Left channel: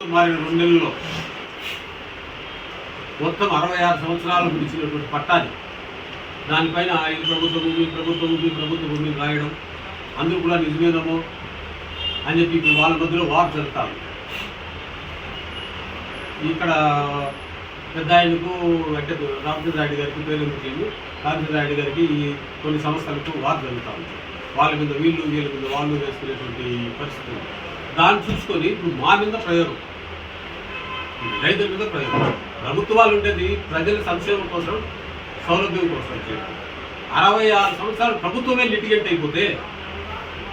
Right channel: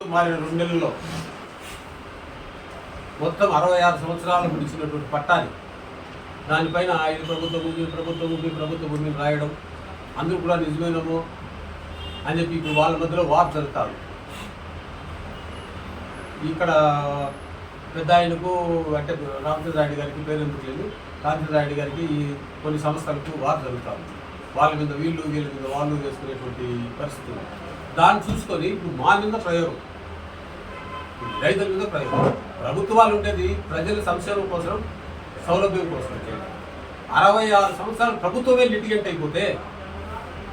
మరి రెండు నెలల్లో. మొత్తం అరవై ఆరు సంవత్సరాలు ముడిచినటువంటి పట్టాది. దానిపైన ఐదు ప్రభుత్వ భూమి ప్రభుత్వ భూమి ప్రభుత్వ భూమిని రాయడం. అందుకు కూడా నిజమేనమో అని చెప్పి ఇప్పుడు వాళ్ళ మధ్యలో వార్ జరుగుతారు ఇక్కడ పెద్ద ఆయనకు అంటే రామచంద్రాయుడు గారికి పేరు రామచంద్రాయుడు గారికి ఈ కొన్ని సంస్థలకు వార్ జరుగుతూ ఉంది వాళ్ళ మీద వీళ్ళు వీళ్ళ మీద వాళ్ళు వేసుకునేటువంటి పరిస్థితి దాన్ని చూసుకొని ఇప్పుడు మా మీద ప్రయోగం. రైతుల మీద ప్రజలు ప్రభుత్వాలు ఉండేది ప్రజల సంక్షేమం కోసం సౌలభ్యం కోసం చేయడం. అరవై ఆరు సంవత్సరాలు ప్రభుత్వమే లిటిగేట్ అయిపోతే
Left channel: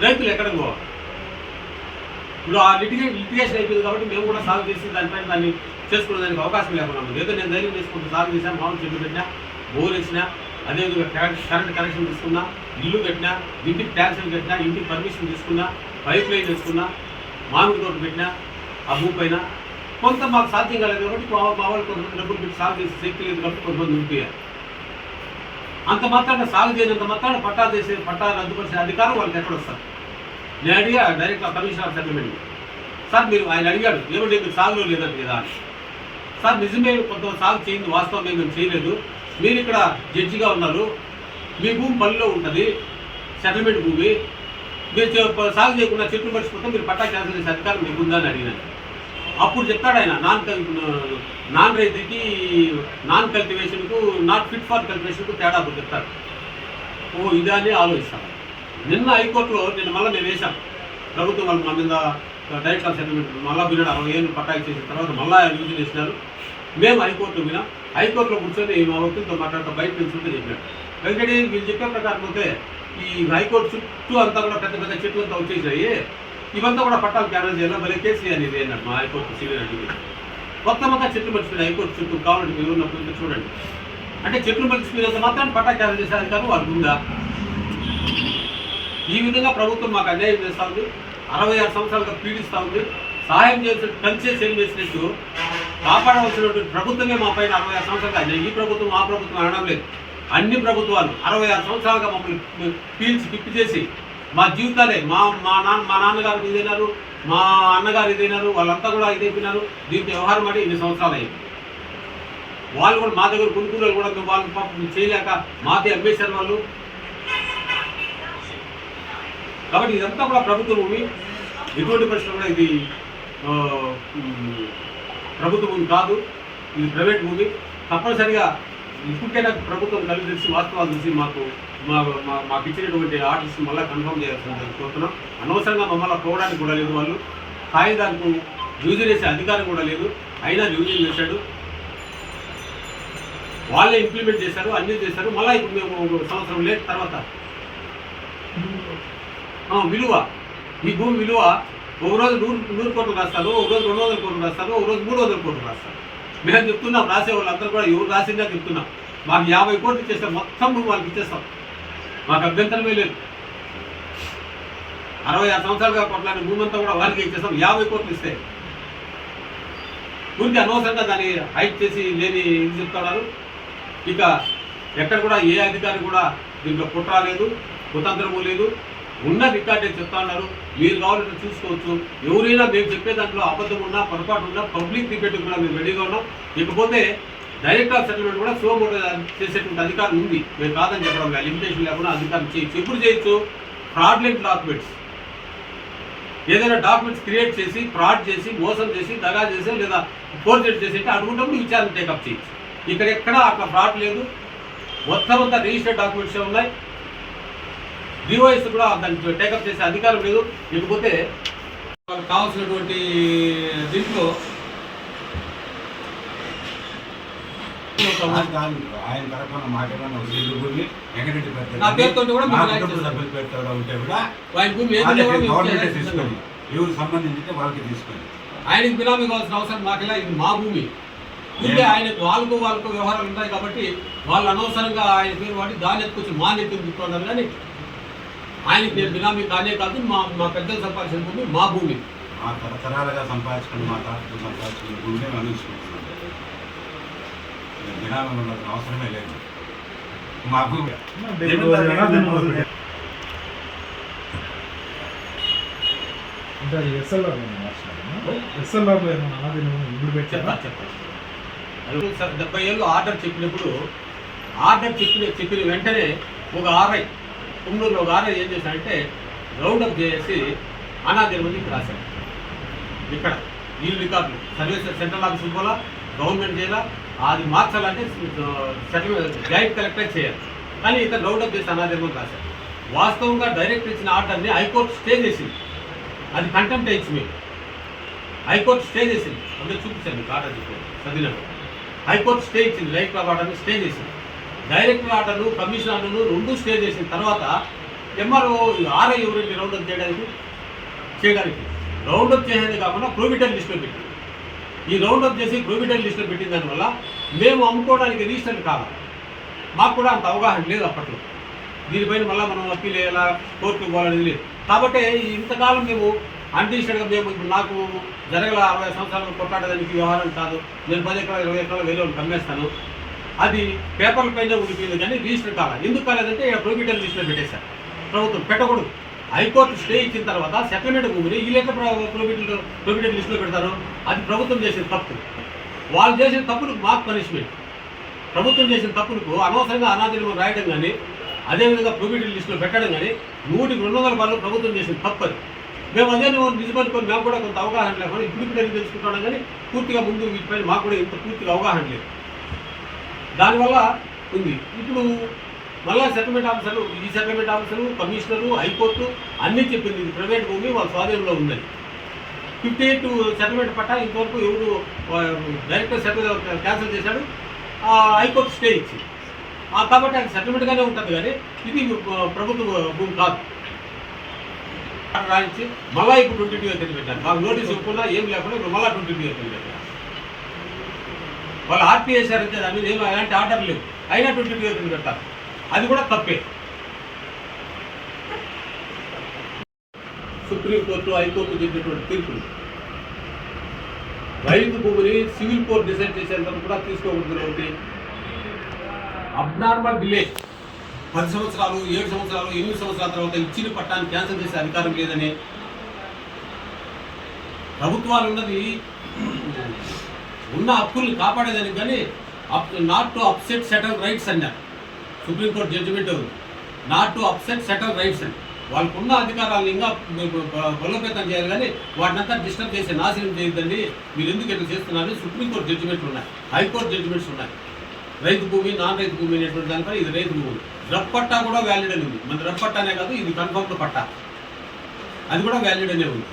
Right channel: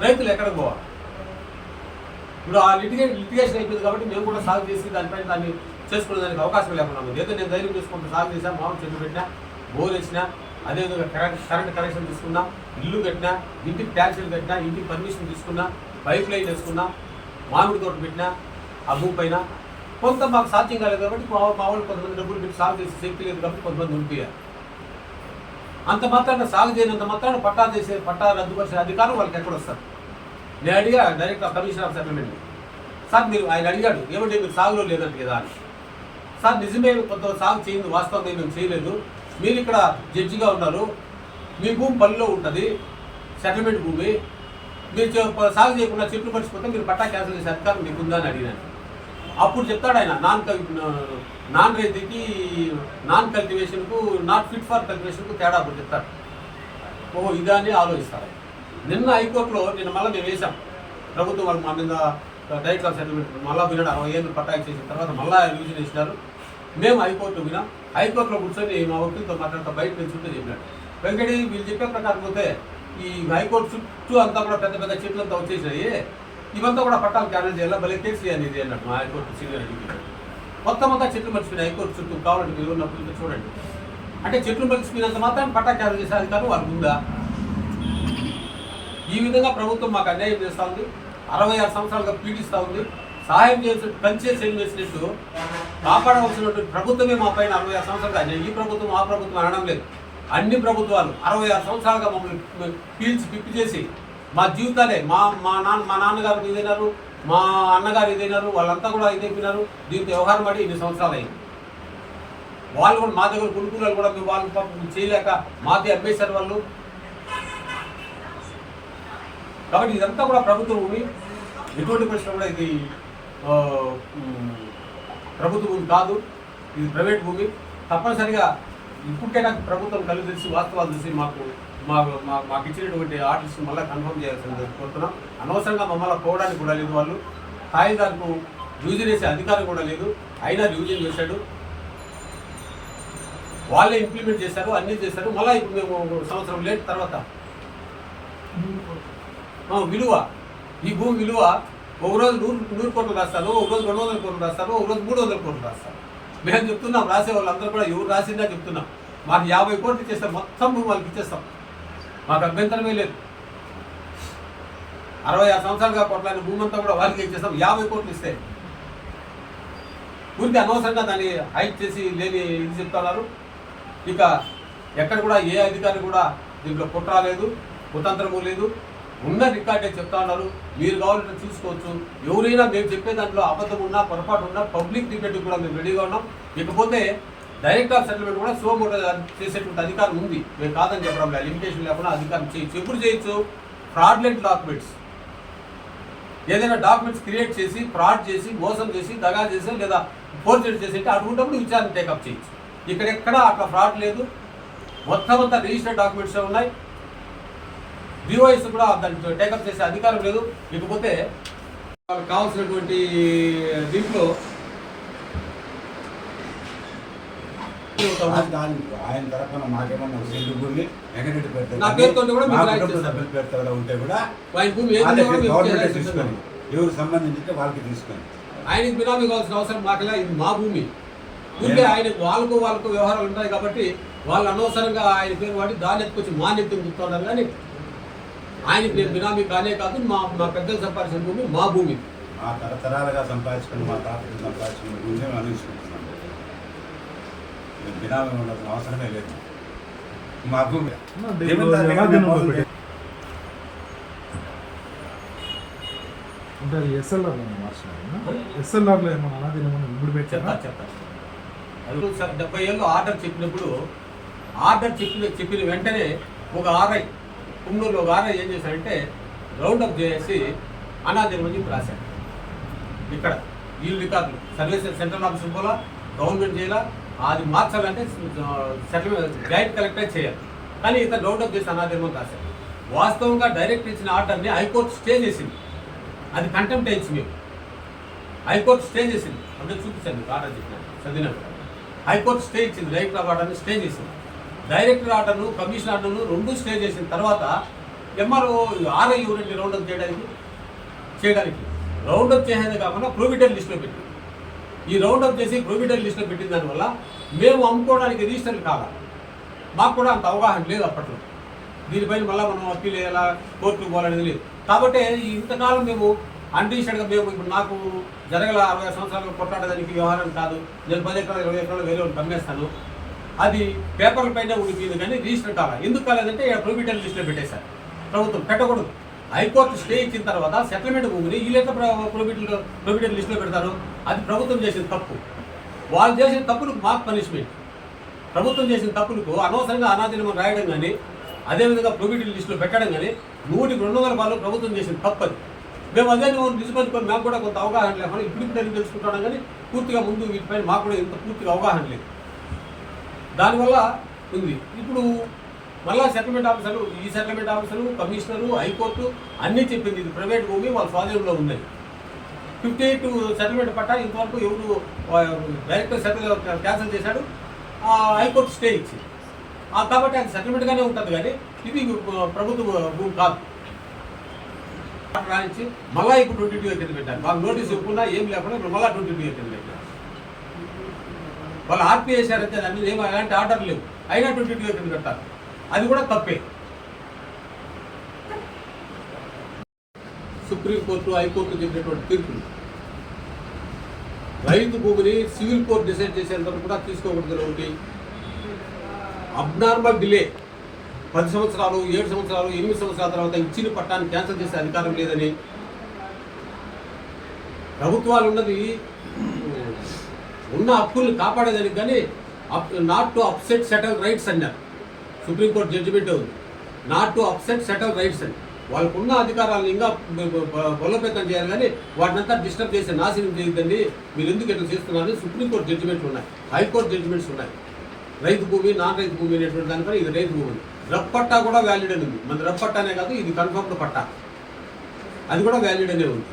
రైతులు ఎక్కడ పోవాలి ఇప్పుడు ఆ లిటిగే లిటిగేషన్ అయిపోయింది కాబట్టి మేము కూడా సాగు చేసి దానిపైన దాన్ని చేసుకునే దానికి అవకాశం లేకుండా ఉంది. ఏదో నేను ధైర్యం చేసుకుంటూ సాగు చేశాను మామూలు చెట్టు పెట్టినా బోర్ వేసినా అదేవిధంగా కరెంట్ కరెంట్ కనెక్షన్ తీసుకున్నా ఇల్లు కట్టినా ఇంటికి ట్యాక్సీలు కట్టినా ఇంటికి పర్మిషన్ తీసుకున్నా పైప్ లైన్ వేసుకున్నా మామిడి తోట పెట్టినా ఆ భూమి పైన కొంత మాకు సాధ్యం కాలేదు కాబట్టి మా వాళ్ళు కొంతమంది డబ్బులు పెట్టి సాగు చేసి శక్తి లేదు కాబట్టి కొంతమంది నింపారు అంత మాత్రాన సాగు చేయనంత మాత్రాన పట్టా చేసే పట్టా రద్దుపరిచే అధికారం వాళ్ళకి ఎక్కడ వస్తారు నేను అడిగా డైరెక్ట్ కమిషనర్ సెటిల్మెంట్ సార్ మీరు ఆయన అడిగాడు ఏమంటే మీరు సాగులో లేదంట కదా అని. సార్ నిజమే కొంత సాగు చేయింది వాస్తవం మేము చేయలేదు. మీరు ఇక్కడ జడ్జిగా ఉన్నారు. మీ భూమి పల్లిలో ఉంటుంది సెటిల్మెంట్ భూమి. మీరు సాగు చేయకుండా చెట్లు పరిచిపోతే మీరు పట్టా క్యాన్సిల్ చేసే అధికారం మీకు ఉందా అని అడిగాను. అప్పుడు చెప్తాడు ఆయన నాన్ కల్- నాన్ రైతుకి నాన్ కల్టివేషన్కు నాట్ ఫిట్ ఫర్ కల్టివేషన్కు తేడా అప్పుడు చెప్తాడు. ఓ ఇదాన్ని అని ఆలోచిస్తారు నిన్న హైకోర్టులో నేను మళ్ళీ నేను వేశాం. ప్రభుత్వం వాళ్ళు మన మీద డైరెక్ట్ ఆఫ్ సెటిల్మెంట్ మళ్ళీ వినడు అరవై ఏళ్ళు పట్టాకి చేసిన తర్వాత మళ్ళీ రివిజన్ చేసినారు. మేము హైకోర్టు వినాం హైకోర్టులో కూర్చొని మా వకీలతో మాట్లాడుతూ బయట నుంచి చెప్పాడు. వెంకటే వీళ్ళు చెప్పే ప్రకారం పోతే ఈ హైకోర్టు చుట్టూ అంతా కూడా పెద్ద పెద్ద చెట్లు అంతా వచ్చేసినాయి. ఇవంతా కూడా పట్టాలు క్యాన్సిల్ చేయాలి? భలే కేసీఆర్ అనేది అన్నట్టు మా హైకోర్టు సీనియర్ కొత్త మొత్తం అంతా చెట్లు మర్చిపోయినాయి హైకోర్టు చుట్టూ కావాలంటే మీరు ఉన్నప్పుడు చూడండి. అంటే చెట్లు మర్చిపోయినంత మాత్రం పట్టా క్యాన్సిల్ చేసే అధికారం వాళ్ళకు ఉందా? ఈ విధంగా ప్రభుత్వం మాకు అన్యాయం చేస్తూ ఉంది. అరవై ఆరు సంవత్సరాలుగా పీడిస్తూ ఉంది. సహాయం చేసినట్టు ఏం చేసినట్టు కాపాడవలసినటువంటి ప్రభుత్వమే మా పైన అరవై ఆరు సంవత్సరాలుగా అన్యాయం. ఈ ప్రభుత్వం ఆ ప్రభుత్వం అనడం లేదు. అన్ని ప్రభుత్వాలు అరవై ఆరు సంవత్సరాలుగా మమ్మల్ని పీల్చి పిప్పి చేసి మా జీవితాలే మా మా నాన్న మా నాన్నగారు ఇదైనారు మా అన్నగారు ఇదైనారు వాళ్ళంతా కూడా ఇదైపోయినారు దీంతో వ్యవహారం పడి ఇన్ని సంవత్సరాలు అయింది. వాళ్ళు కూడా మా దగ్గర కొనుక్కున్నారు కూడా మేము వాళ్ళు పాపం చేయలేక మాకే అమ్మేశారు వాళ్ళు. కాబట్టి ఇదంతా కూడా ప్రభుత్వ భూమి ఎటువంటి పరిస్థితుల్లో కూడా ఇది ప్రభుత్వ భూమి కాదు ఇది ప్రైవేట్ భూమి. తప్పనిసరిగా ఇప్పటికైనా ప్రభుత్వం కలిసి తెలిసి వాస్తవాలు చూసి మాకు మా- మాకు ఇచ్చినటువంటి ఆర్డర్స్ మళ్ళీ కన్ఫర్మ్ చేయాల్సింది కోరుతున్నాం. అనవసరంగా మమ్మల్ని పోవడానికి కూడా లేదు వాళ్ళు. కాగితాలకు రివిజన్ చేసే అధికారం కూడా లేదు. అయినా రివిజన్ చేశాడు. వాళ్ళే ఇంప్లిమెంట్ చేశారు అన్నీ చేశారు. మళ్ళీ ఇప్పుడు మేము ఒక సంవత్సరం లేట్ తర్వాత విలువ. ఈ భూమి విలువ ఒక రోజు నూరు నూరు కోట్లు రాస్తారు ఒక రోజు రెండు వందల కోట్లు రాస్తారు ఒక రోజు మూడు వందల కోట్లు రాస్తాను మేము చెప్తున్నాం రాసే వాళ్ళందరూ కూడా ఎవరు రాసిందా చెప్తున్నాం. మాకు యాభై కోట్లు ఇచ్చేస్తాం మొత్తం భూమి వాళ్ళకి ఇచ్చేస్తాం. మాకు అభ్యంతరమే లేదు. అరవై ఆరు సంవత్సరాలుగా కొట్లాడిన భూమంతా కూడా వాళ్ళకి ఇచ్చేస్తాం యాభై కోట్లు ఇస్తాయి ఊరికి అనవసరంగా దాన్ని హైట్ చేసి లేని ఇది చెప్తున్నారు. ఇక ఎక్కడ కూడా ఏ అధికారి కూడా దీంట్లో కుట్ర లేదు కుతంత్రము లేదు. ఉన్న రికార్డే చెప్తా ఉన్నారు? మీరు కావాలంటే చూసుకోవచ్చు. ఎవరైనా మేము చెప్పే దాంట్లో అబద్ధం ఉన్నా పొరపాటు ఉన్నా పబ్లిక్ డిబేట్ కూడా మేము రెడీగా ఉన్నాం. ఇకపోతే డైరెక్ట్ ఆఫ్ సెటిల్మెంట్ కూడా సో చేసేటువంటి అధికారం ఉంది. మేము కాదని చెప్పడం లేదు. లిమిటేషన్ లేకుండా అధికారం చేయొచ్చు. ఎప్పుడు చేయొచ్చు? Fraudulent documents. ఏదైనా డాక్యుమెంట్స్ క్రియేట్ చేసి ఫ్రాడ్ చేసి మోసం చేసి దగా చేసి లేదా ఫోర్జెడ్ చేసి అంటే అటువంటిప్పుడు విచారణ టేకప్ చేయొచ్చు. ఇక్కడ ఎక్కడ అట్లా ఫ్రాడ్ లేదు. మొత్తం అంతా రిజిస్టర్డ్ డాక్యుమెంట్స్ ఉన్నాయి. డివైస్ కూడా దాన్ని టేకప్ చేసే అధికారం లేదు. ఇకపోతే వాళ్ళకి కావాల్సినటువంటి దీంట్లో ఆయన తరఫున మాకేమన్నా భూమి వెంకటరెడ్డి పెడతారు పేరుతో ఉంటే కూడా గవర్నమెంట్ తీసుకొని. ఎవరు సంబంధించి వాళ్ళకి తీసుకొని. ఆయనకి బినామీ కావాల్సిన అవసరం మాకులే ఇది మా భూమి. ఊరికే ఆయన వాళ్ళకు వాళ్ళకు వ్యవహారాలు ఉంటాయి కాబట్టి వాళ్ళు అనవసరంగా ఆయన పేరు వాడి దాన్ని ఎత్తుకొచ్చి మా నెత్తుని చెప్తున్నారు కానీ ఆయనకి నేను బినామీ కానే కాదు మా మా పెద్దలు సంపాదించిన భూమి మా భూమి. మా తరతరాలుగా సంపాదించుకుని మా తాతకు సంపాదించుకున్న భూమిని మేము అందించుకుంటున్నాం దినాలు ఉండాల్సిన అవసరమే లేదు. మా భూమి. ఎస్ఎల్ఆర్ ఎస్ఎల్ఆర్లో ఏమైనా అనాదిన ఇప్పుడు చెప్తా పెట్టారా సార్ డెబ్బై ఏళ్ళు ఆర్డర్ చెప్పినప్పుడు ఆర్డర్ చెప్పిన చెప్పిన వెంటనే ఒక ఆర్ఐ కుమ్మూరులో గారు ఏం చేశారంటే రౌండప్ చేసి అనాదిన ముందుకు రాశారు ఇక్కడ వీళ్ళు రికార్డులు. సర్వీస్ సెంట్రల్ ఆఫీస్ పోలా గవర్నమెంట్ చేయాలా అది మార్చాలంటే సెటిల్మెంట్ జాయింట్ కలెక్టర్ చేయాలి. కానీ ఇక్కడ రౌండప్ చేసి అనాదిన రాశారు వాస్తవంగా డైరెక్ట్ ఇచ్చిన ఆర్డర్ని హైకోర్టు స్టే చేసింది. అది కంటెంప్ట్ అయ్యింది మీకు. హైకోర్టు స్టే చేసింది. అంటే చూపించాను మీకు ఆర్డర్ చెప్పాను. చదివినప్పుడు హైకోర్టు స్టే ఇచ్చింది. రైట్ ఆఫ్ ఆర్డర్ని స్టే చేసింది. డైరెక్టర్ ఆర్డర్లు కమిషన్ ఆర్డర్ను రెండు స్టే చేసిన తర్వాత ఎంఆర్ఓ ఆర్ఐ ఎవరండి రౌండప్ చేయడానికి చేయడానికి రౌండప్ చేసేదే కాకుండా ప్రొవిడెంట్ లిస్ట్లో పెట్టింది. ఈ రౌండప్ చేసి ప్రొవిడెంట్ లిస్ట్లో పెట్టిన దానివల్ల మేము అమ్ముకోవడానికి రిజిస్టర్ కావాలి. మాకు కూడా అంత అవగాహన లేదు అప్పట్లో. దీనిపైన మళ్ళీ మనం అప్పీల్ వేయాలా కోర్టుకు పోవాలనేది లేదు. కాబట్టి ఇంతకాలం మేము అన్డిషన్గా మేము ఇప్పుడు నాకు జరగల అరవై సంవత్సరాలు కొట్లాడేదానికి వ్యవహారం కాదు. నేను పది ఎకరాలు ఇరవై ఎకరాలు వేరే కమ్మేస్తాను అది పేపర్ల పైన ఉండిపోయింది కానీ రిజిస్టర్ కావాలి. ఎందుకు కాలేదంటే ప్రొవిడెంట్ లిస్ట్లో పెట్టేశారు. ప్రభుత్వం పెట్టకూడదు. హైకోర్టు స్టే ఇచ్చిన తర్వాత సెటిల్మెంట్ భూమిని ఈ లెటర్ ప్రొవిడెంట్ ప్రొవిడెంట్ లిస్ట్లో పెడతారు. అది ప్రభుత్వం చేసిన తప్పు. వాళ్ళు చేసిన తప్పులకు మాకు పనిష్మెంట్ ప్రభుత్వం చేసిన తప్పులకు అనవసరంగా అనాదిలో రాయడం కానీ అదేవిధంగా ప్రొవిడెంట్ లిస్టులో పెట్టడం కానీ నూటికి రెండు వందల వాళ్ళు ప్రభుత్వం చేసిన తప్పదు. మేము అదే నువ్వు కొన్ని మేము కూడా కొంత అవగాహన లేకుండా ఇప్పుడు ఇప్పుడు తెలుసుకుంటున్నాం కానీ పూర్తిగా ముందు వీటిపై మాకు కూడా ఇంత పూర్తిగా అవగాహన లేదు. దానివల్ల ఉంది ఇప్పుడు మళ్ళా సెటిల్మెంట్ ఆఫీసర్లు ఈ సెటిల్మెంట్ ఆఫీసరు కమిషనరు హైకోర్టు అన్నీ చెప్పింది. ఇది ప్రైవేట్ భూమి వాళ్ళ స్వాధీనంలో ఉందని ఫిఫ్టీ ఎయిట్ సెటిల్మెంట్ పట్టా ఇంతవరకు ఎవరు డైరెక్టర్ సెటిల్ క్యాన్సిల్ చేశాడు. హైకోర్టు స్టే ఇచ్చి కాబట్టి అది సెటిల్మెంట్గానే ఉంటుంది కానీ ఇది ప్రభుత్వ భూమి కాదు. రాయించి మళ్ళీ ఇప్పుడు ట్వంటీ టూ ఎత్తులు పెట్టారు. మాకు నోటీస్ ఇవ్వకుండా ఏం లేకుండా ఇప్పుడు మళ్ళీ ట్వంటీ టూ ఎత్తులు పెట్టారు. వాళ్ళు ఆర్పీ దాని మీద ఏమో ఎలాంటి ఆర్డర్ లేవు అయినా ట్వంటీ టూ ఎత్తులు పెట్టారు అది కూడా తప్పే. సుప్రీంకోర్టు హైకోర్టు చెప్పినటువంటి తీర్పులు. రైతు భూమిని సివిల్ కోర్టు డిసైడ్ చేసేందుకు కూడా తీసుకోకూడదు అబ్నార్మల్ డిలే. పది సంవత్సరాలు ఏడు సంవత్సరాలు ఎనిమిది సంవత్సరాల తర్వాత ఇచ్చిన పట్టాన్ని క్యాన్సిల్ చేసే అధికారం లేదని ప్రభుత్వాలు ఉన్నది ఉన్న హక్కుల్ని కాపాడేదానికి కానీ not to upset settle rights అన్నారు సుప్రీంకోర్టు జడ్జిమెంట్ ఉంది. Not to upset settle rights అని వాళ్ళకున్న అధికారాలను ఇంకా బలోపేతం చేయాలి కానీ వాటినంతా డిస్టర్బ్ చేసి నాశనం చేయొద్దండి. మీరు ఎందుకు ఇట్లా చేస్తున్నారని సుప్రీంకోర్టు జడ్జిమెంట్లు ఉన్నాయి. హైకోర్టు జడ్జిమెంట్స్ ఉన్నాయి. రైతు భూమి నాన్ రైతు భూమి అనేటువంటి దానిపై ఇది రైతు భూమి రఫ్ పట్టా కూడా వ్యాలిడ్ అని ఉంది. మన రఫ్ పట్టానే కాదు ఇది కన్ఫర్మ్డ్ పట్టా. అది కూడా వ్యాలిడ్ అనే ఉంది.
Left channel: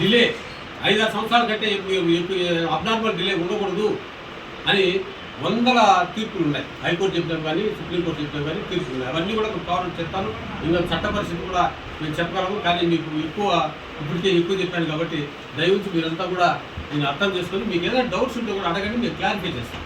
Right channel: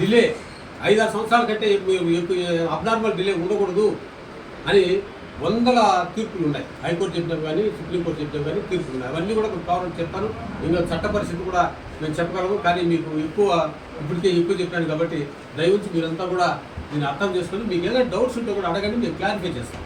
డిలే ఐదారు సంవత్సరాల కంటే అబ్నార్మల్ డిలే ఉండకూడదు అని వందల తీర్పులు ఉన్నాయి. హైకోర్టు చెప్పినవి కానీ సుప్రీంకోర్టు చెప్పినవి కానీ తీర్పులు ఉన్నాయి. అవన్నీ కూడా మీకు కావాలని చెప్తాను. ఇంకా చట్ట పరిస్థితి కూడా నేను చెప్పగలము కానీ మీకు ఎక్కువ ఇప్పటికే ఎక్కువ చెప్పాను కాబట్టి దయవుంచి మీరంతా కూడా దీన్ని అర్థం చేసుకొని మీకు ఏదైనా డౌట్స్ ఉంటే కూడా అడగండి మేము క్లారిఫై చేస్తాను.